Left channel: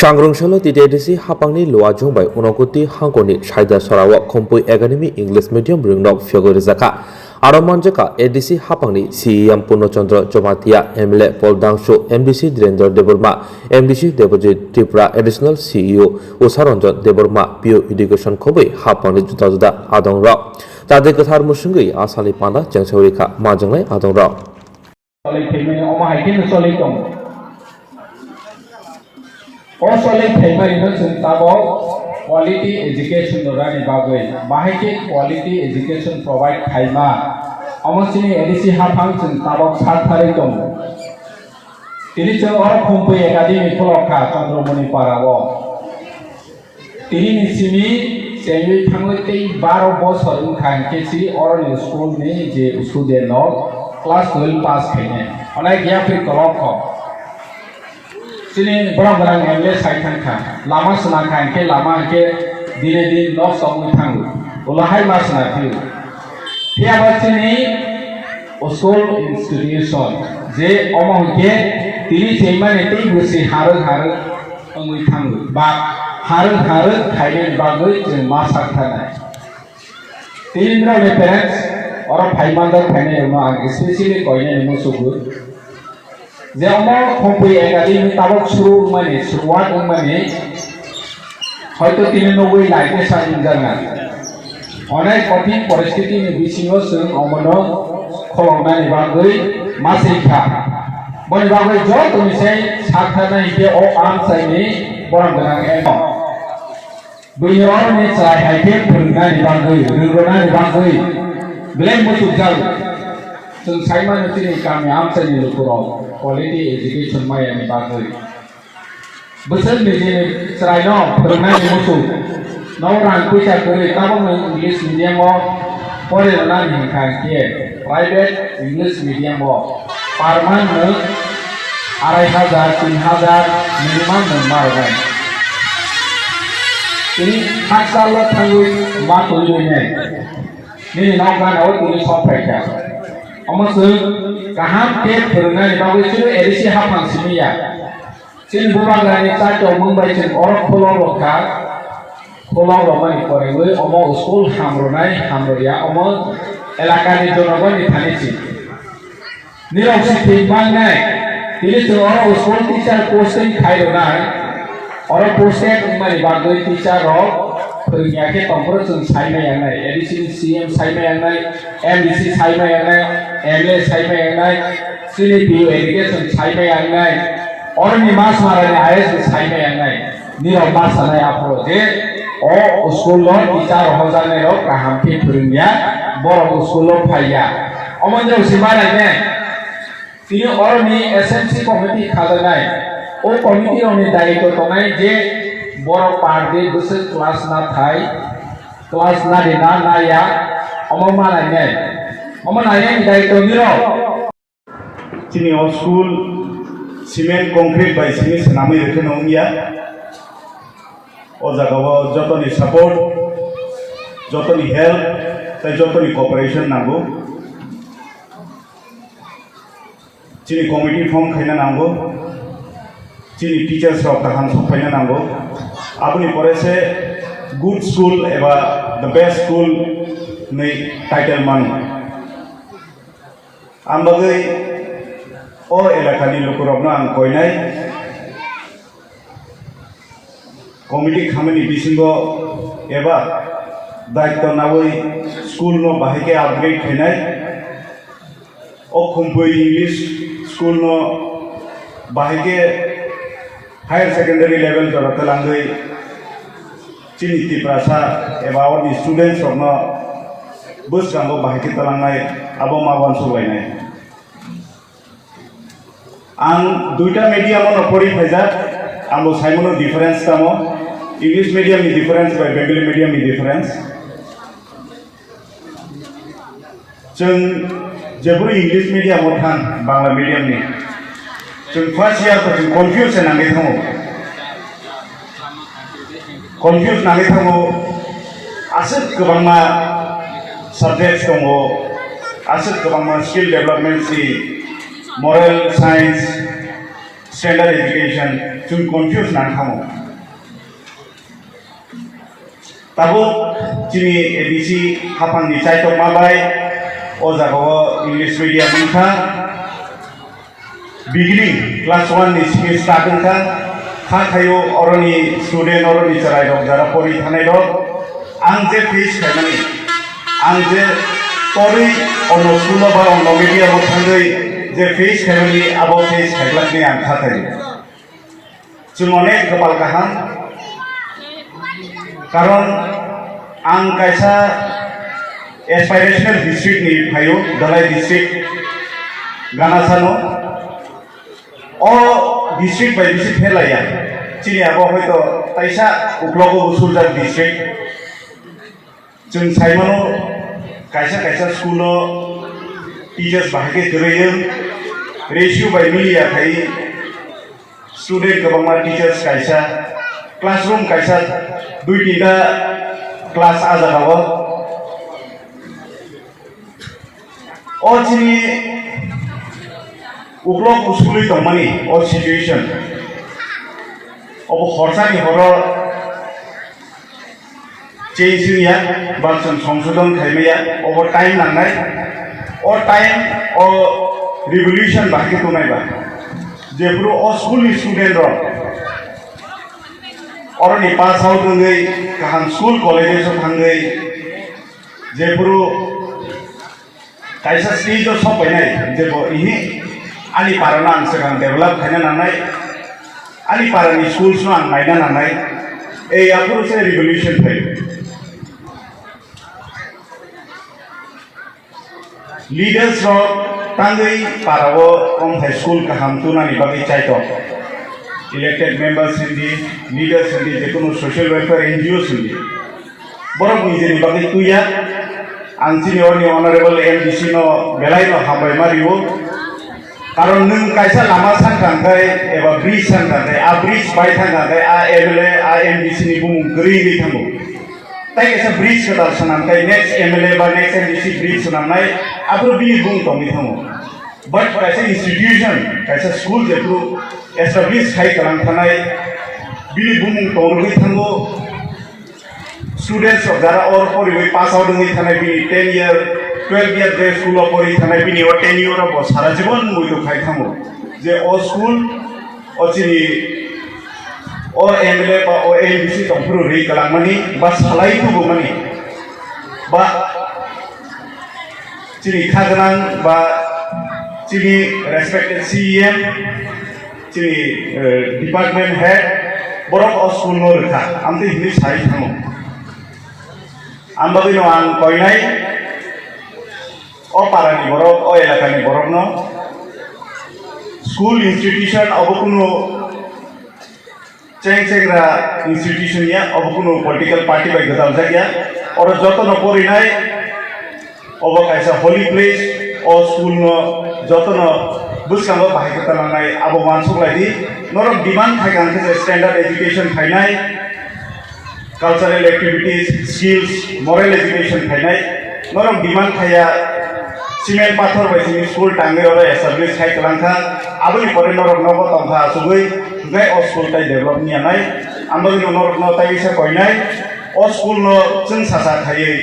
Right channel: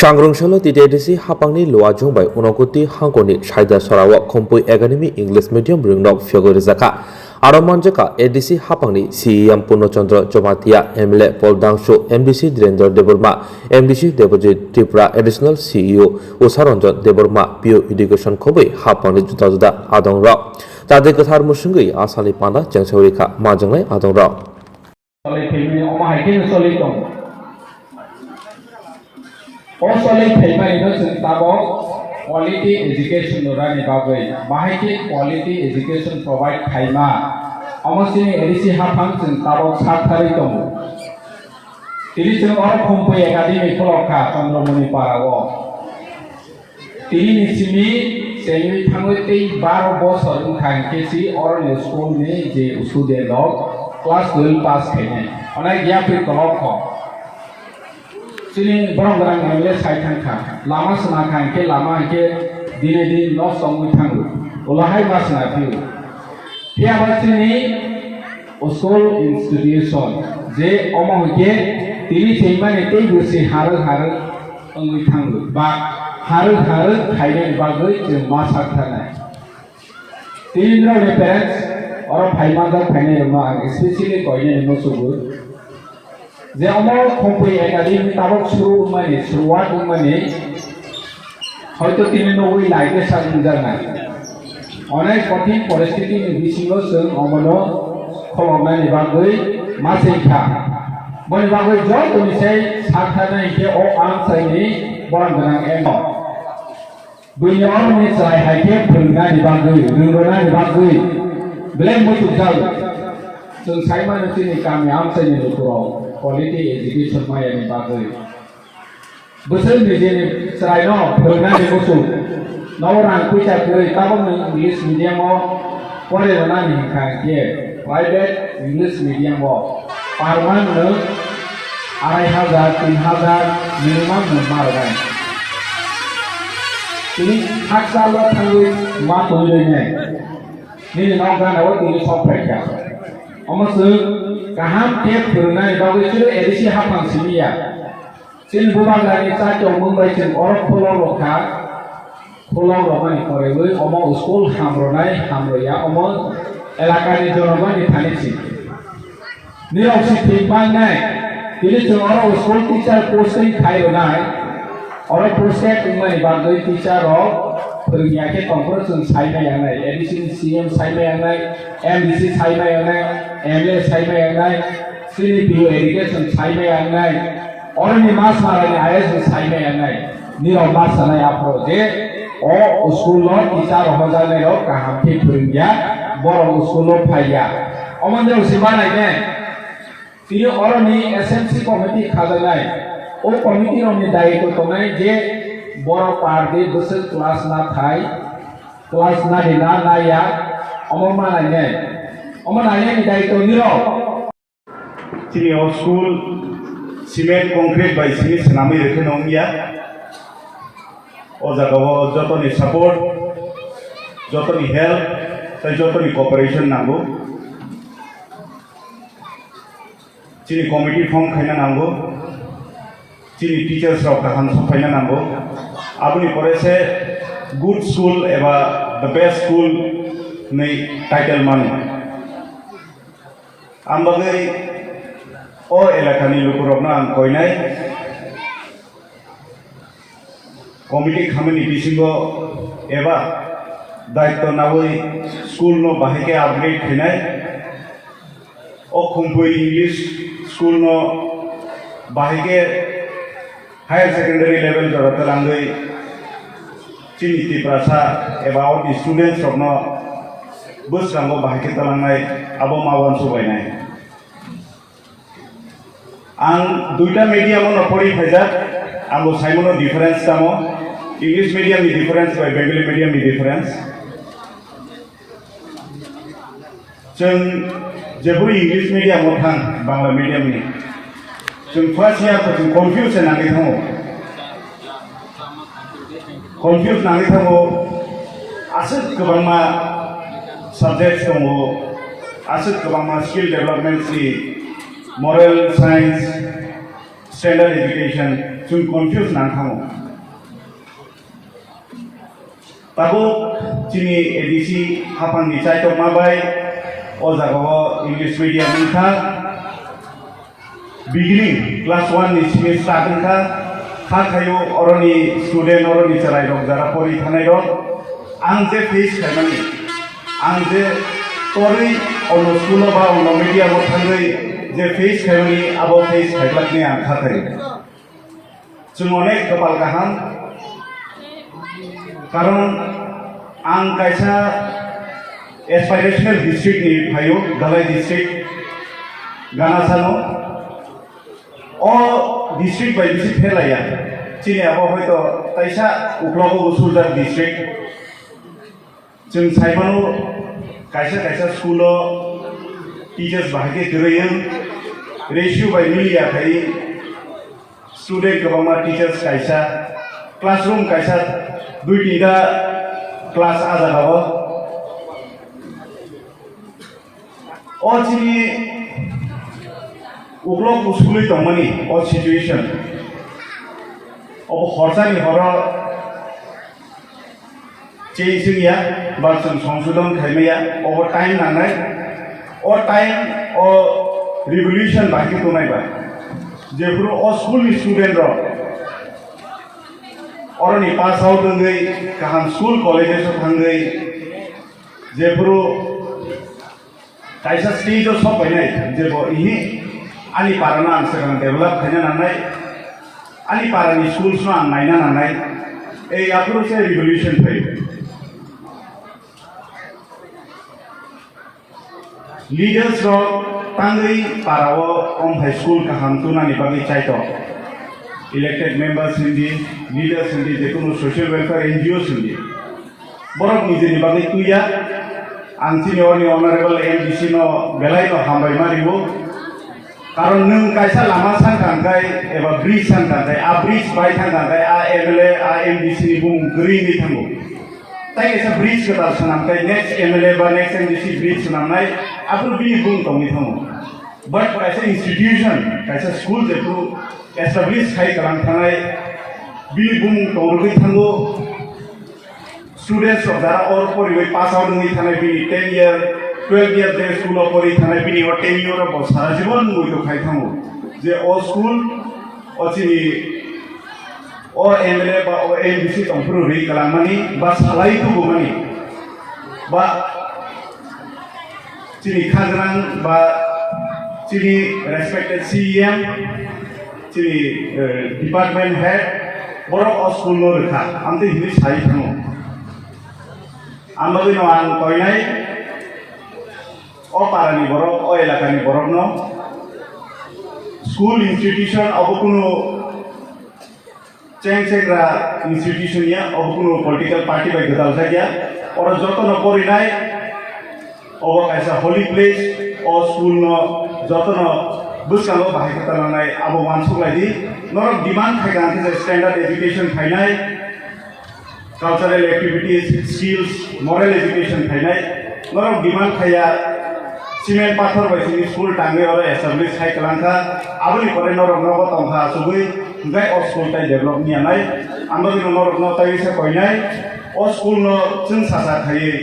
Shangrungshala Ttaadc Haphangni Loa Jongbai Unogoti Hangkoni Shaida Sarawak Kompui Academy English Medium Ringnok Sogwirikha Aromanjaka ADC Haphangni CEM Purnochandra Jomatia MLA Poldangshu MDC Direndra Deborma MDC Debojit Tiprasa Additional CEO Usaranjan Deborma PO Education Khobai Haphangni Juda Adongra Ttaadc Kathar Musungui Asali Panda Sogwirikha Majangai Adongra Also, like quality education rani bagoi. Bahike quality education provide thaima. Amosini ADC Haphang tabo sathari tom. Tiri chang or Kompui Academy poloka Chandramani parawo. Tiri nisimi semi thangwete baro bos harun khan kesi or school ne je student log class 12 pass kene. Anai gya free kolok Sini barang-barang MLA saya tangkap, lama senakan ke lama ke diri nok songui tanggu, ulahai mas nafiu. Pihak sini usul institution, je omong ke diri cuma nanti bersih haru songui tanggu, haru kaya bagai je masak tanah. Diri ni parents orang payment kene rumah, especially kau ini musuh. Zaman Kompui Academy tabok suruh mana, suruhan mana, hanya tiga nunggu lagi sahaja jangan. Orang kotin परिस्थिति में बिसियो संग अमनो खोलना निबागui masih kah. Nibagai jauh tu misalnya sahaja itu orang saya ni orang dengan emo. Beliau ni saya hanya pernah nibagai, nibagai, belum betul jauh. Seng saya mana ni kami saya ni lupa. Quality education maya ni bagai. Besar ni je serai no pernah ni musuh. No orang kuisa kuri kamu English medium mo, pore mana ni kan dia private English medium mo. Parman ni 2,500 3,000 minimum nomor kan. Ini hak salah tangui matu ni. Ni nak kan awak ini software kan. Amasuk kaham ke pernah dibawa itu edisi Haphang sini ya. Sin bukan lagi saja Mumbai sin orang pulau ramai korewe, omong usul hamro ya, omong elaka di Jorong di Tanisi. Ni opsi timbang naik. Ini orang usul teacher posting kaya naik. Orang posting ini dibantu teacher roh. Peringkat tempur sun saya yang naik, edisi CM saya yang naik, MDC saya yang naik, MLA saya yang naik, sini PO education saya yang naik, orang ni mas marah ni IS saya yang naik, ni orang mas sana yang project, oh school loan kita rohongan ni roh kaham ke peringkat, borong school loan payah, omong jauh si mana ni, sini orang ni SMC committee kada naik, oh committee orang ni dari tu naik je Borok parti besar kelas na thai, kelas na dina na ya, omong mana ni kita itu niro. Sini school cement concrete by sini senamai ekonomi ya. Oja kawa joto ni support, joto ni help, dan joto ni cooperation nago. Sini committee form kena nago. Sini teachers rok tahan supaya nago. Apuni pore se good school eba the best school nei title manu. Ambagai o elakani lukurobna koinai committee khamani bisingo eba daitto nawai school no bahike upgrade khinai o Kompui English school no bahike higher secondary level jorate langai Cini Tiprasa about the students of no bus rambo bahaki talangai abo mawan subainai. Ang duita medium ono pori phaja amo saimono difference tamo English medium ni difference by Bengali medium ni difference. Jeng jeburi English medium othang Bangla medium ni. Jeng first year ko jeng confusion nangi thamo. Confused nanti kamu aset kebangma subjects kamu aset kebangma skill development si moral science standard education जों confuse ना खामो ताबो जोंनि ADC हाफांनि चाइटक माबाय अजागाव English medium मोनखा beginning class 1 नि सिङै start मोनखा खाथायो अरनि student अरनि चराय दं जरा परि थानाय दं आं जे फेस खालामनानै आं जे परि अन स्कुल बा अन मीडियम थाङै जे फेस खालामनानै आबो फेस खालामनानै आं खाथायो जों अनेक गोबां गाहाम कारण आं कायसा एस्पाइरेशनल डिस्ट्रिक्ट नि फायो दलाय डिस्ट्रिक्ट गानासानो अ डिस्ट्रिक्ट बाय डिस्ट्रिक्ट फेलाया चिनि आबो हयतो ताइसा उक्लगो उसूलदार डिस्ट्रिक्ट जों साइमनो कायसा स्कुल टीचर्स बाहागे गरैयो रेशियो बाय मिलिया थायो स्टूडेंट गोबांमा टीचर्स कायसा क्लासरूम कायसा दुई तिनटा क्लास आजाराव अ चिनि उग्रक उस्कुलै दंमोन अ सिचुएशन अब हरसानि हर चेंजया बा जों संशोधन खालामनाया अब टाइम नांनाय अ टाइम अ रिवल्यूशन बाकी को नायबा जेफोर अ स्कुलनि स्टुडेन्ट र अरनि पास आउट होङै गाहाम स्कुल कलेजेस थाङै जेफोर कायसा स्टेज सफैनाय जेबो इहि आंनि पाराना आं सिगां डेभेलप खालामनो नांनाय आंनि पारानि स्कुल्स आं नायनो नांनाय एयाफोरसो रिभल्यूशन फैयो लीडर्स र तांगै पाराव कम हाई स्कुल गाहाम तुनानि बागै चाइतो इलेक्टेड मेंबर्स हिंदी लीडर्स हिंदी जेकुनु सोशल वेलफेयर एनजीओस हिंदी बरफ निजेनि बागै तुया आं सिनियरनि ऑनरेबल एमडीसी नो बेलायनो हामबाय मारिबो कारण नों कायसा लामा सानखांथाय एबा ब्रिज सानखांथाय आ ब्रिज बाय थांखांथाय आ एमएलए आ एमडीसी नि बुं गोरैयै थांगौ ताइ कायसा ब्रिज कथा सनामथाय नेक्स्ट एमएलए बा नेक्स्ट एमडीसी ब्रिज सनामनाय आफोर बिनि बुं तंनि थांगौ बट कायसा इंस्टीट्यूशन कायसा स्कुल जेखौ एस्टाब्लिश खाय खालामखानाय बिनि बुं तंनि थांगौ स्टूडेंट्स जरा और परिबै पास आउट होङै थानाय बिनि 10 इयर 12 इयर जे स्कुल परि थानाय बिनि 10 इयर सारा जीवन मुइदो खाय थांगौ जे अ स्कुल अचिनि अ एमएलए बा अ एमडीसी तंफोर रै खालामनानै बा सालायखौबो माने बा चिनि खागरां बा चिनि रेस्पेक्टेड सीएम चिनि डिपार्टमेंट हेड बरक अ स्कुल नो रखा आमते हिनि सारि थांगौ आंबो बिनो आं कयनाय अ पारानि बरफ अ एलाकानि बरफ न स्कुल इंस्टीट्यूशन अब कुनो चेंग्रा इंस्टीट्यूशन या अब कुनो पॉलिटिकल पार्टी बाय गदाल जागिया और जतन परिनाय अब कायसा होली प्लेस अ स्कुल न जतन बुस्कांगो बाहायखो खालामनाय अब मानसुलायदि नरम डिमांड खायगांथे स्टैंडर्ड एजुकेशन खायनाय cultural activities, skills, moral education खायनाय नरम डिमांड खाया सीमेंट पाथर बायदि स्कुल टांगे और एस्टाब्लिश खाय खालामखा आबोनि परे नरम नबो तंखा सुगै सुगै अ स्कुल ताइ डेभलप नियानाय आंबो बिनो नरम न ताइ बिसा कयनाय अ स्कुल न जों सासा खायै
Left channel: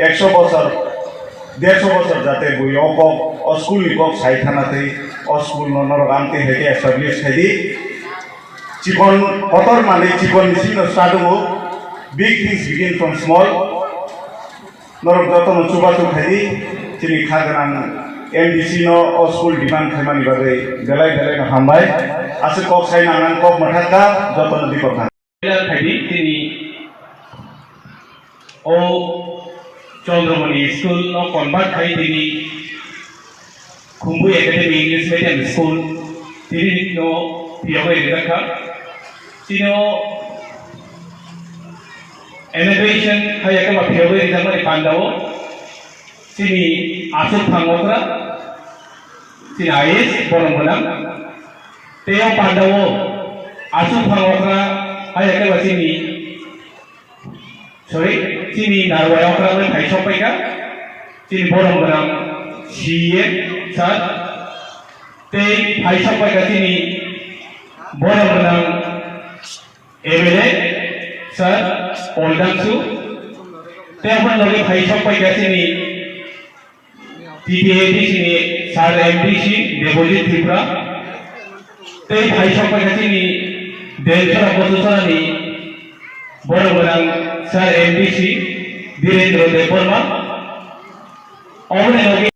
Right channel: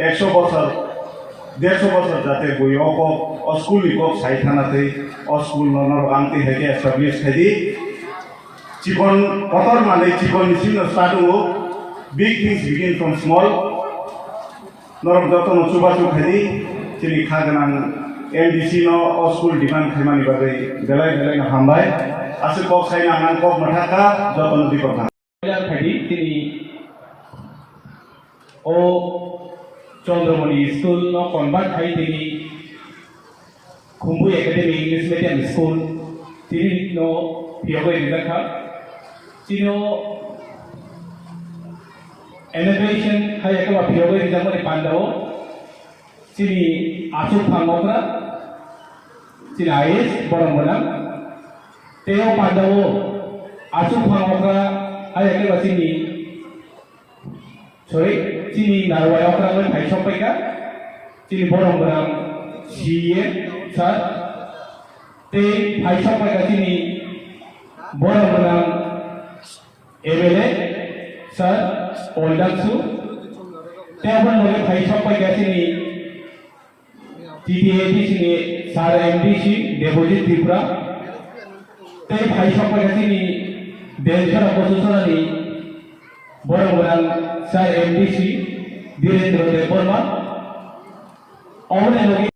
100 बছर 150 बছर जाते बयो को अ स्कुल नि को साइ थानाथै अ स्कुल न नरम आंते हेके एस्टाब्लिश खायदि जीवन कतर माने जीवन निसिनो स्टार्ट हो big things begin from small नरम जतन चुबाचु खायदि चिनि खागरां एमडीसी नो अ स्कुल डिमांड खायमानि बागै बेलाय बेलाय हामबाय आसे कक साइना नां कक मथाका जतन दिपका खायदि चिनि ओ चंद्रमणि स्कुल नो कन्वर्ट खायदिनि Khumbu academy English medium school चिनि नो पियावै रिजाखा चिनो एलिवेशन हाया के बाफियावै रिजाखा पांडाव चिनि आसु थांगोग्रा चिनि आइएस बरमबना तेयो पांडाव आसु थांगोग्रा हाया के बाचिनि सॉरी चिनि नारवायावग्रा बै फाइसपैका चिनि बरमबना सीए सर ते फाइसपैका चिनि Borang MLA Sir Oldaksu Tepan lagi Haphang pai gasini TTAD sini Sir MDC Deposit Tipra Tei Haphang pai gasini Delta Pososani Borang Sir MDC Direndra Deporma Orang yang